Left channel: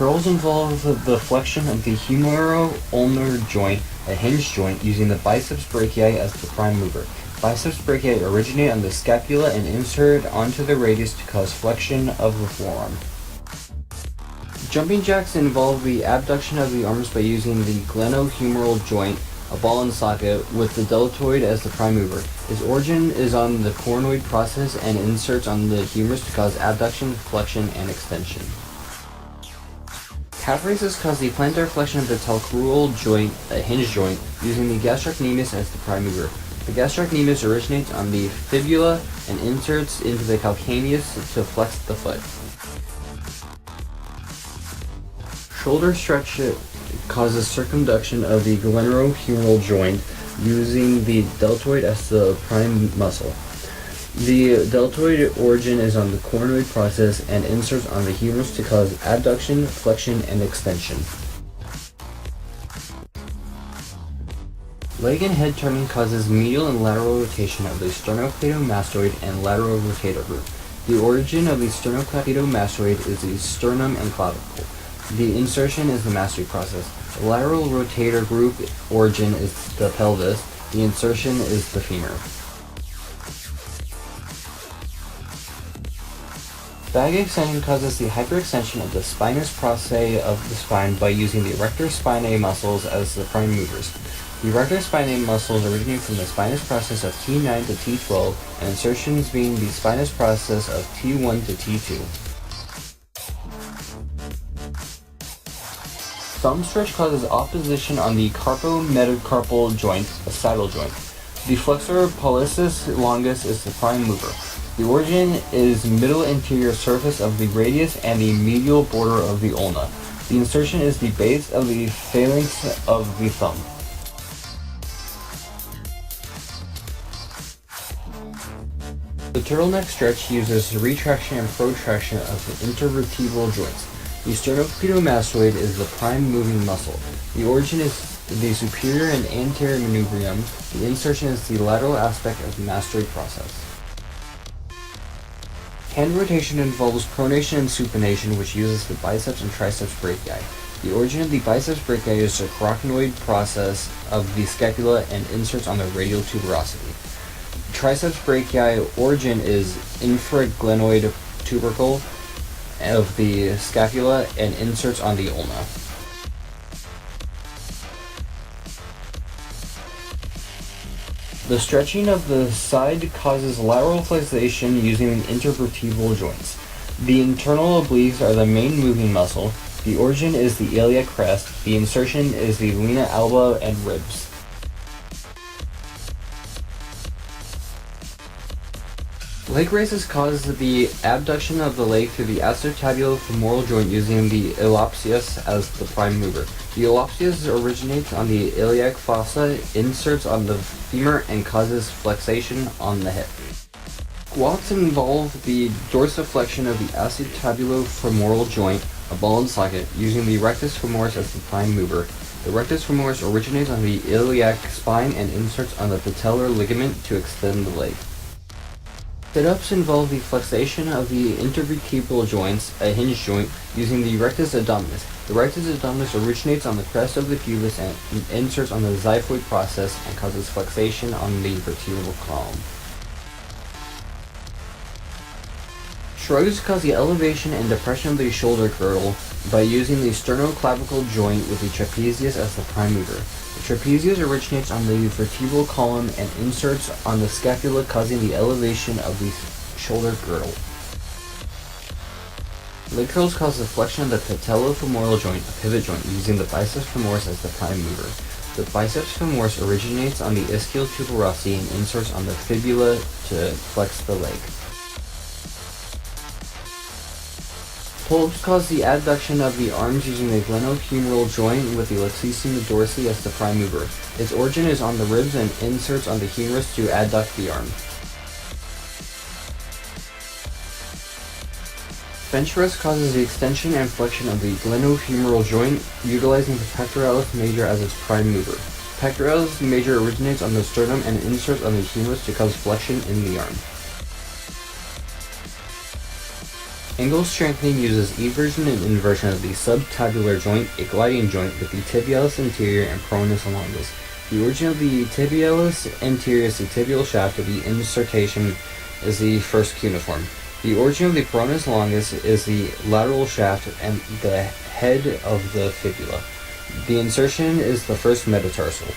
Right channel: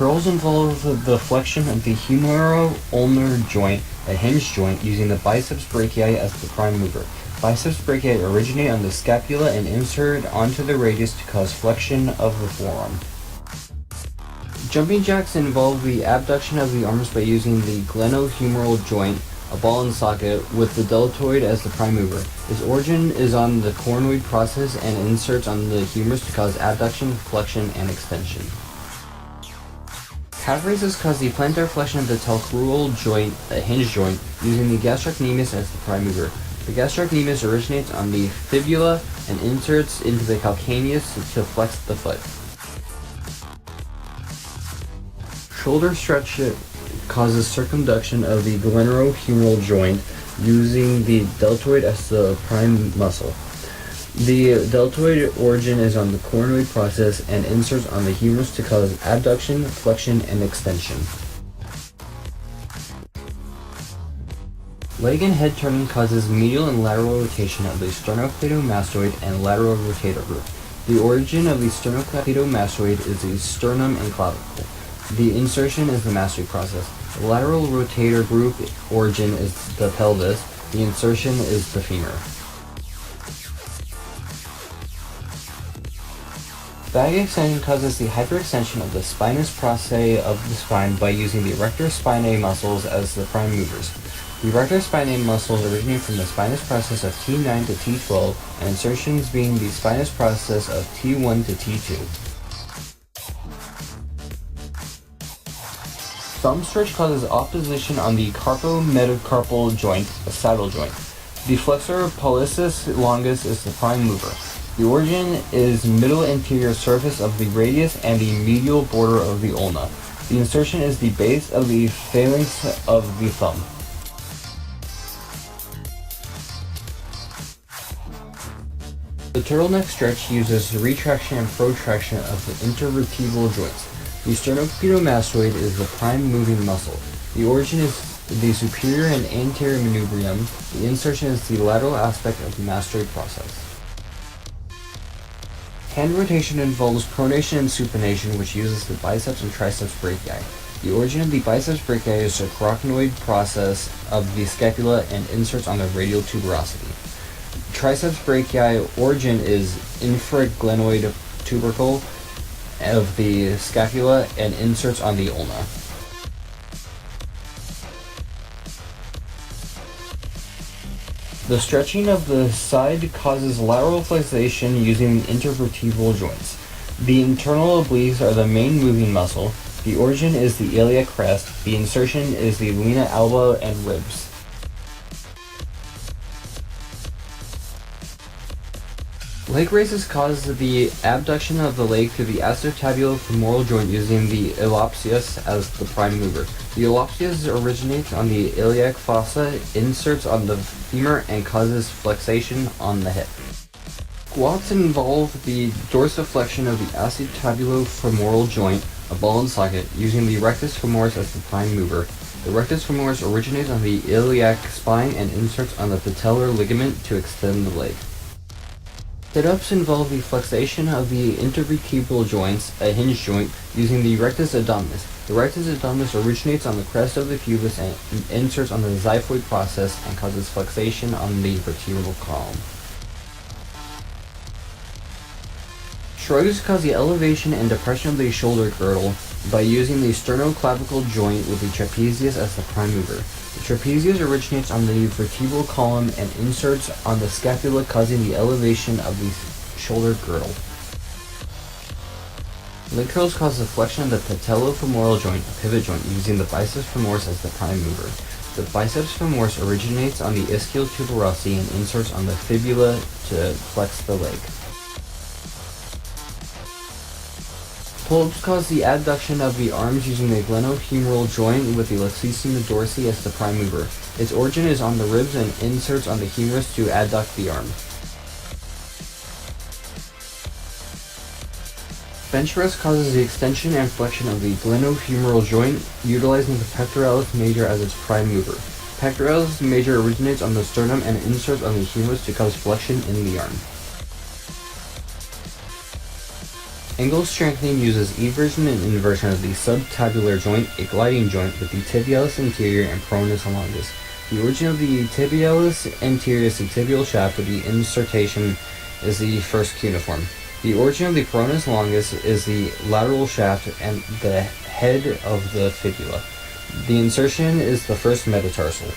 Curls involve the flexion of the humeral-ulnar joint, a hinge joint, using the biceps brachii as the prime mover. Biceps brachii originate on the scapula and insert onto the radius to cause flexion of the forearm. Jumping jacks involve the abduction of the arms by using the glenohumeral joint, a ball and socket, with the deltoid as the prime mover. Its origin is on the coronoid process and inserts on the humerus to cause abduction, flexion, and extension. Calf raises cause the plantar flexion of the talcrural joint, a hinge joint, using the gastrocnemius as the prime mover. The gastrocnemius originates on the fibula and inserts into the calcaneus to flex the foot. Shoulder stretch causes circumduction of the glenohumeral joint, using the deltoid as the prime muscle. The deltoid origin is on the coronoid process and inserts on the humerus to cause abduction, flexion, and extension. Leg and head turning causes medial and lateral rotation of the sternocleidomastoid and lateral rotator group. The origin of the sternocleidomastoid is the sternum and clavicle. The insertion is the mastoid process. The lateral rotator group origin is the pelvis. The insertion is the femur. Bag extension causes the hyperextension of the spinous processes of the spine by using the erector spinae muscles as the prime movers. The erector spinae muscles originate from the spinous process of T9 to T12, and insertions being the spinous process of T1 to T2. Thumb stretch causes opposition on the carpometacarpal joint, a saddle joint. The flexor pollicis longus is the prime mover. The origin is middle anterior surface of the radius and the medial border of the ulna. The insertion is the base of the phalanx of the thumb. The turtleneck stretch uses retraction and protraction of the intervertebral joints. The sternocleidomastoid is the prime moving muscle. The origin is the superior and anterior manubrium. The insertion is the lateral aspect of the mastoid process. Hand rotation involves pronation and supination, which uses the biceps and triceps brachii. The origin of the biceps brachii is the coracoid process of the scapula and inserts on the radial tuberosity. Triceps brachii origin is infraglenoid tubercle of the scapula and inserts on the ulna. The stretching of the side causes lateral flexation using intervertebral joints. The internal obliques are the main moving muscle. The origin is the iliac crest. The insertion is the linea alba and ribs. Leg raises cause the abduction of the leg through the acetabulo-femoral joint using the iliopsoas as the prime mover. The iliopsoas originates on the iliac fossa, inserts on the femur, and causes flexation on the hip. Squats involve the dorsiflexion of the acetabulo-femoral joint, a ball and socket, using the rectus femoris as the prime mover. The rectus femoris originates on the iliac spine and inserts on the patellar ligament to extend the leg. Sit-ups involve the flexation of the intervertebral joints, a hinge joint, using the rectus abdominis. The rectus abdominis originates on the crest of the pubis and inserts on the xiphoid process and causes flexation on the vertebral column. Shrugs cause the elevation and depression of the shoulder girdle by using the sternoclavicle joint with the trapezius as the prime mover. The trapezius originates on the vertebral column and inserts on the scapula, causing the elevation of the shoulder girdle. Leg curls cause the flexion of the patellofemoral joint, a pivot joint, using the biceps femoris as the prime mover. The biceps femoris originates on the ischial tuberosity and inserts on the fibula to flex the leg. Pull-ups cause the abduction of the arms using the glenohumeral joint with the lexicima dorsi as the prime mover. Its origin is on the ribs and inserts on the humerus to adduct the arm. Bench rest causes the extension and flexion of the glenohumeral joint, utilizing the pectoralis major as its prime mover. Pectoralis major originates on the sternum and inserts on the humerus to cause flexion in the arm. Angle strengthening uses eversion and inversion of the subtabular joint, a gliding joint with the tibialis anterior and peroneus longus. The origin of the tibialis anterior is the tibial shaft, of the insertion is the first cuneiform. The origin of the peroneus longus is the lateral shaft and the head of the fibula. The insertion is the first metatarsal.